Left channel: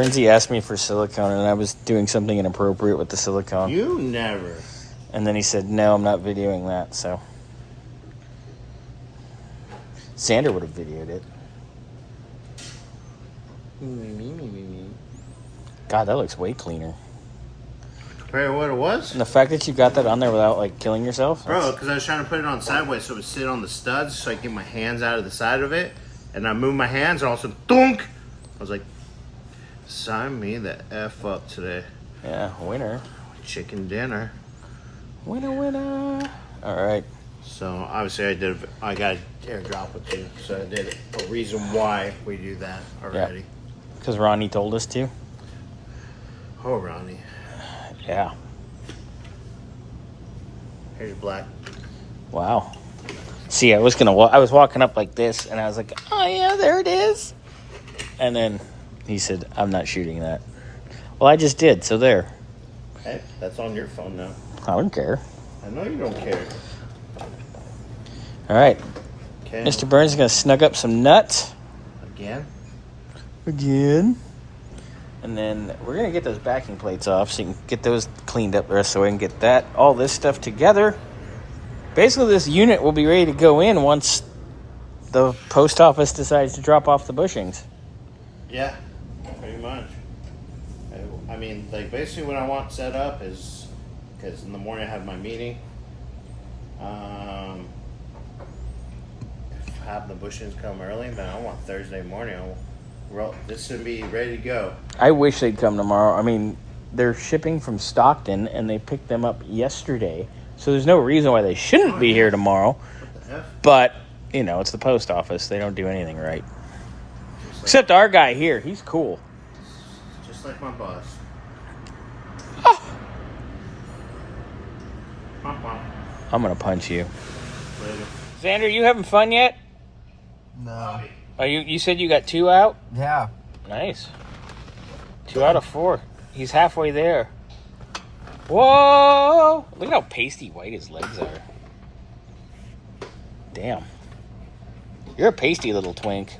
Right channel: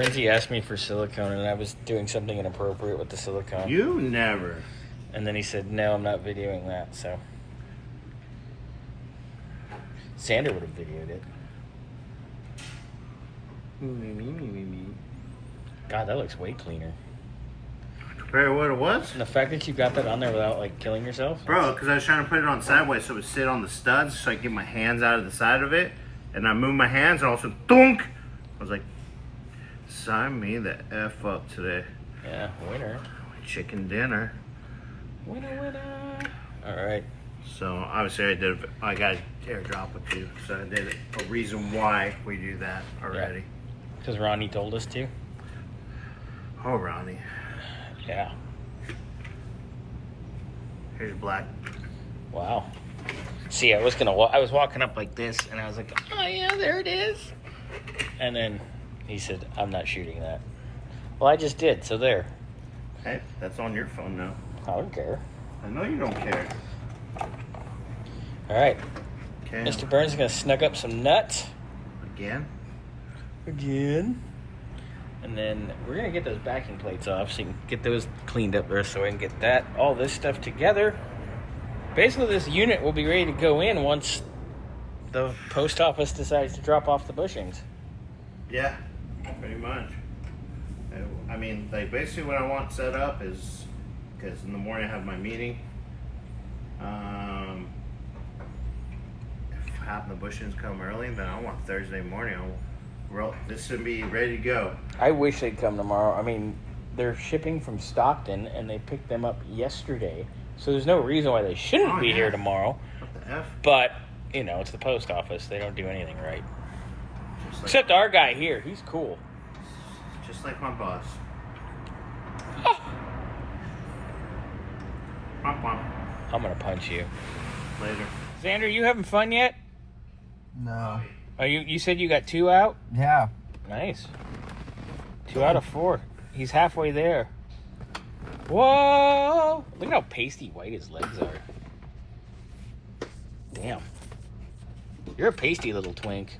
Brinzy asked me for silicone, and I was doing something inappropriate with the silicone. You never. And then he said, no, I'm not videoing that, so. Xander would have videoed it. God, that looks way cleaner. Compared to what it was? And the fact that you got that on there without, like, killing yourself? Bro, because I was trying to put it on sideways so it would sit on the studs so I could get my hands out of the side of it. And I moved my hands and all of a sudden, thunk! I was like, sign me the F up today. Yeah, winner. Chicken dinner. Winner, winner. All right. So, obviously, I got a teardrop with you. So, I did a reason why we do that already. Because Ronnie told us to. Oh, Ronnie. Yeah. Here's black. Wow. See, I was walking up like this, and I was like, oh, yeah, there it is. And then he said, I'm not shooting that. Well, I just did, so there. Hey, that's on your phone now. I don't care. I know you don't care. All right. Okay. Mr. Burns is going to snug up some nuts. Again? And then we're going to get those backing plates off so you can get those cleaned up there so we can get all this stuff together. Basically, this unit will be ready to go in once the post office decides to drop off the bushings. Yeah, pretty much. I mean, like, basically what I want set up is, because in the morning I have my meeting. If having the bushings come early, then I want Thursday morning. This should be ready to go. I wish they'd come tomorrow. I mean, they're shipping from Stockton, and they picked them up yesterday. So there's no reason why they shouldn't be here tomorrow. What the F? But, you know, it's the post office. They don't do anything right. Except our guy here. He's cool. Just like my boss. I'm going to punch you. Later. Xander, you having fun yet? No. Oh, you said you got 2 out? Yeah. Nice. 2 out of 4. He's halfway there. Whoa! Look at how pasty white his legs are. Damn. You're a pasty little twink.